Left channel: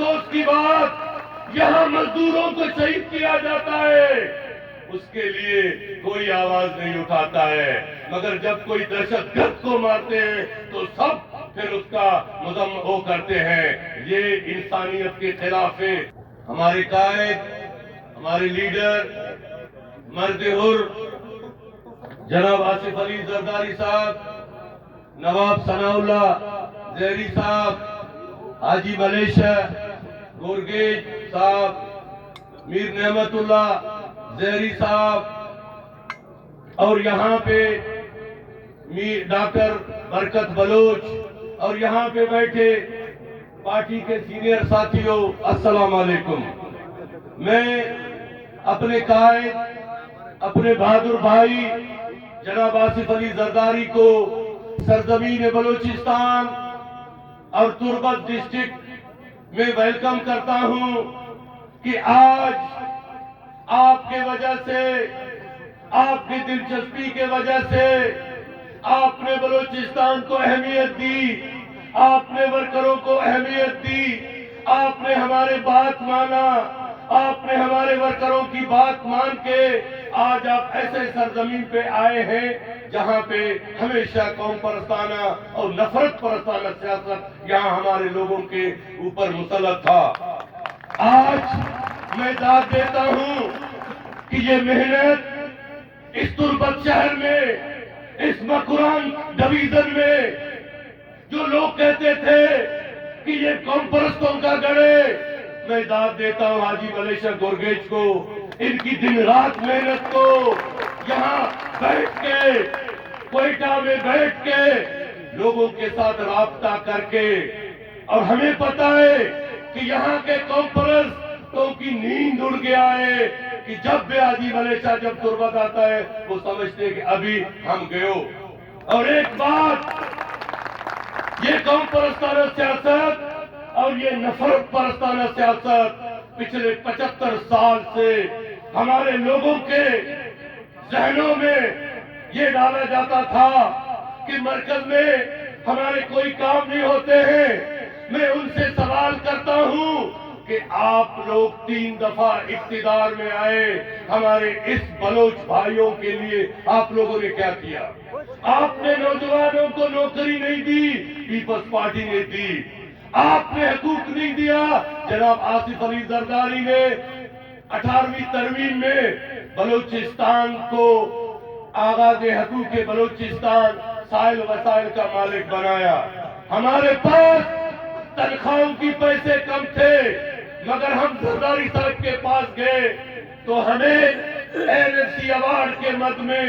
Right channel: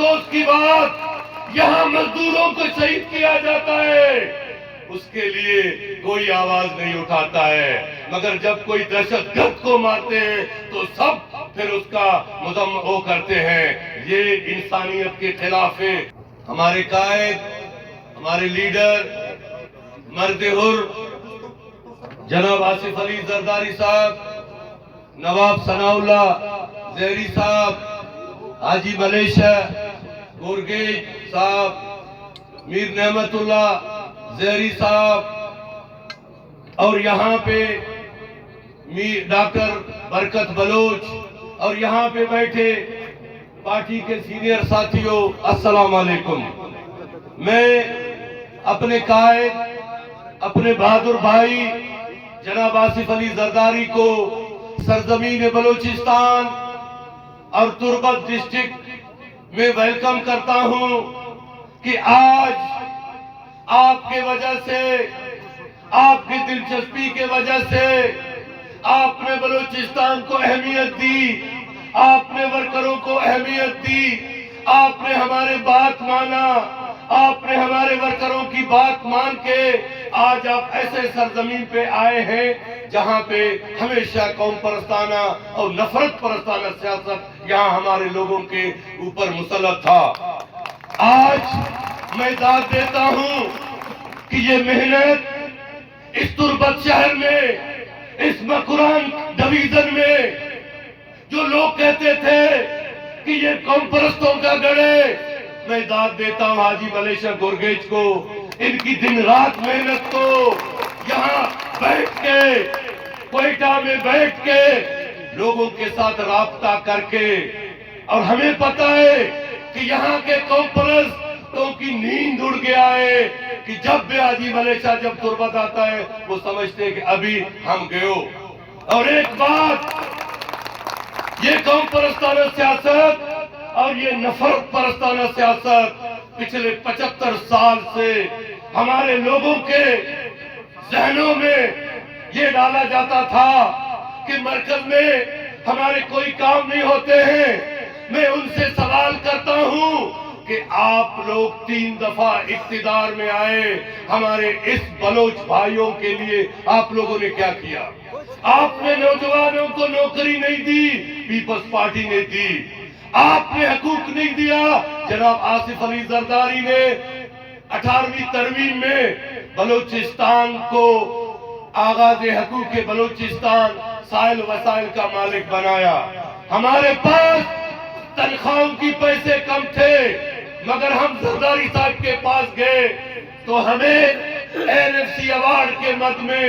افسوس کی بات یہاں مزدوروں کو شہید کیا جاتا ہے، اس کے لیے کوئی آواز نہیں اٹھاتا ہے، مگر جب کوئی دہشت گرد کو مارتے ہیں تو سب پھر اس کا مذمت کرتے ہیں۔ یہ انسانیت کے خلاف ہے۔ ہمارے قائد، ہمارے لیڈر، مرد حر جناب آصف علی زرداری صاحب، نواب ثناء اللہ زہری صاحب، حاجی ملیشہ گورگیج صاحب، میر نعمت اللہ زہری صاحب، اور یہاں پہ ڈاکٹر برکت بلوچ، اور یہاں پہ بیٹھے پارٹی کے سینئر ساتھیوں، السلام علیکم۔ میں اپنے قائد، اپنے بہادر بھائی جناب آصف علی زرداری کو سرزمین بلوچستان اور تربت ڈسٹرکٹ میں ویلکم کرتا ہوں کہ آج آپ کے وجہ سے، آپ کی دلچسپی کے وجہ سے آپ نے بلوچستان کو اہمیت دی، آپ نے ورکروں کو اہمیت دی، آپ نے ہمارے بات مانا، آپ نے ہمارے ورکروں کی بات مان کے آج آپ ایسے سرزمین پہ آئے ہیں جہاں پہ ہمیشہ قوم پرستانہ اور نفرت پرستانہ سیاست یہاں ہمارے لوگوں کے اوپر مسلط تھا۔ آج میں داد دیتا ہوں کہ یہ محنت اس تربت شہر میں، اس مکران ڈویژن میں جو لوگ کہتے تھے کہ یہ قوم پرستوں کا گڑھ ہے، میں داد دیتا ہوں حاجی ملیشہ گورگیج کو، ان کی دن رات محنت کو، یہاں بیٹھ کے کوئٹہ میں بیٹھ کے لوگوں کے ساتھ رابطہ کر کے، اور ہمیں پتا ہے کہ یہاں کے قوم پرستوں کی نیند اڑ گیا ہے کہ جب بھی حاجی ملیشہ جب تربت آتا ہے وہ سمجھتے ہیں کہ ابھی ہم گئے۔ اور ایک بات، یہ قوم پرستانہ سیاست اور یہ نفرت پرستانہ سیاست پچھلے 75 سال سے ہمارے لوگوں کے ذہنوں میں یہ ڈالا جاتا تھا کہ مرکز میں ہمارے کوئی کام نہیں ہوتے ہیں۔ میں ان سے سوال کرتا ہوں کہ آپ لوگ 3 دفعہ اقتدار میں آئے، ہمارے اس بلوچ بھائیوں کے لیے آپ لوگوں نے کیا کیا؟ آپ نے نوجوانوں کو نوکری نہیں دی، پیپلز پارٹی نے دی۔ آپ نے حقوق نہیں دیا، جناب آصف علی زرداری نے 18ویں ترمیم میں بلوچستان کو آغاز حقوق بلوچستان سائل وسائل کا مالک بنایا۔ ہمارے پاس تنخواہوں کی پیسے کم تھے، مگر ہم زرداری صاحب کے پاس گئے تو ہمیں NFC ایوارڈ کے مد میں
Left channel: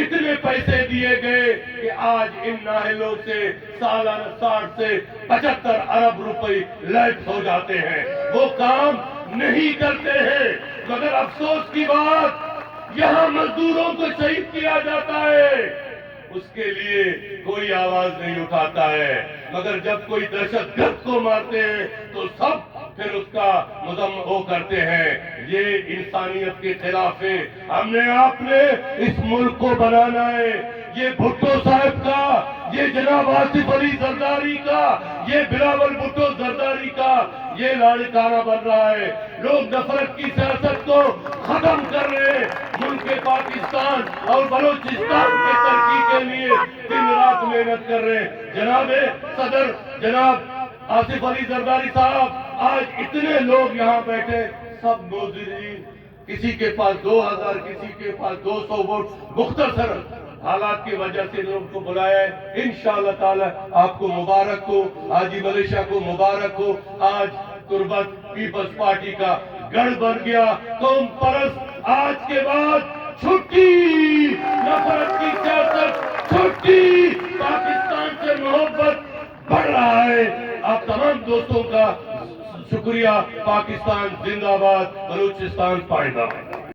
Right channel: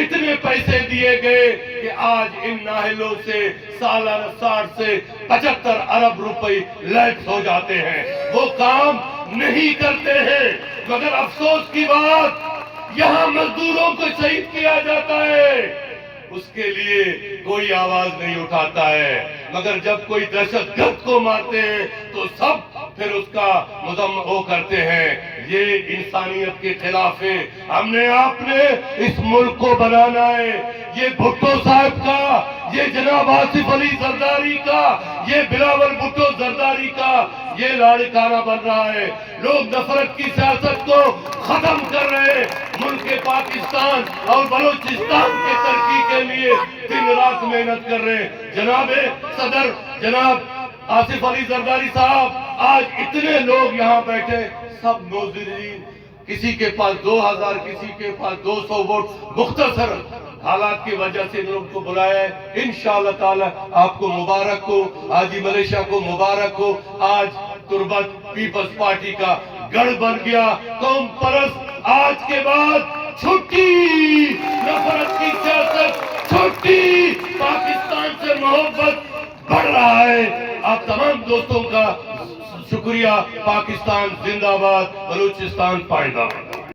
اتنے پیسے دیے گئے کہ آج ان ناہلوں سے سالانہ 60 سے 75 ارب روپے لیس ہو جاتے ہیں۔ وہ کام نہیں کرتے ہیں، مگر افسوس کی بات یہاں مزدوروں کو شہید کیا جاتا ہے، اس کے لیے کوئی آواز نہیں اٹھاتا ہے، مگر جب کوئی دہشت گرد کو مارتے ہیں تو سب پھر اس کا مذمت کرتے ہیں۔ یہ انسانیت کے خلاف ہے۔ ہم نے آپ نے اس ملک کو بنانا ہے۔ یہ بھٹو صاحب کا، یہ جناب آصف علی زرداری کا، یہ بلاول بھٹو زرداری کا یہ لاڑکانہ بن رہا ہے۔ لوگ نفرت کی سیاست کو ختم کر رہے ہیں، ملک پاکستان اور بلوچستان کے ترقی کے لیے دن رات محنت کر رہے ہیں۔ جناب صدر جناب آصف علی زرداری صاحب، آج اتنے لوگ یہاں بیٹھے، سب نوزرین، کسی کے پاس 2000، کسی کے پاس 200 ووٹ، مختصر حالات کی وجہ سے لوگ کو بلایا ہے۔ انشاءاللہ تعالی آپ کو مبارک ہو، حاجی ملیشہ کو مبارک ہو۔ آج تربت پیپلز پارٹی کا گڑھ بن گیا۔ قوم پرست آج کے بعد چھٹی، نفرت کی سیاست چھٹی، پاکستان سے محبت بڑھ رہا ہے۔ آپ تمام دوستوں کا شکریہ۔ پاکستان زندہ باد، بلوچستان پائیدار۔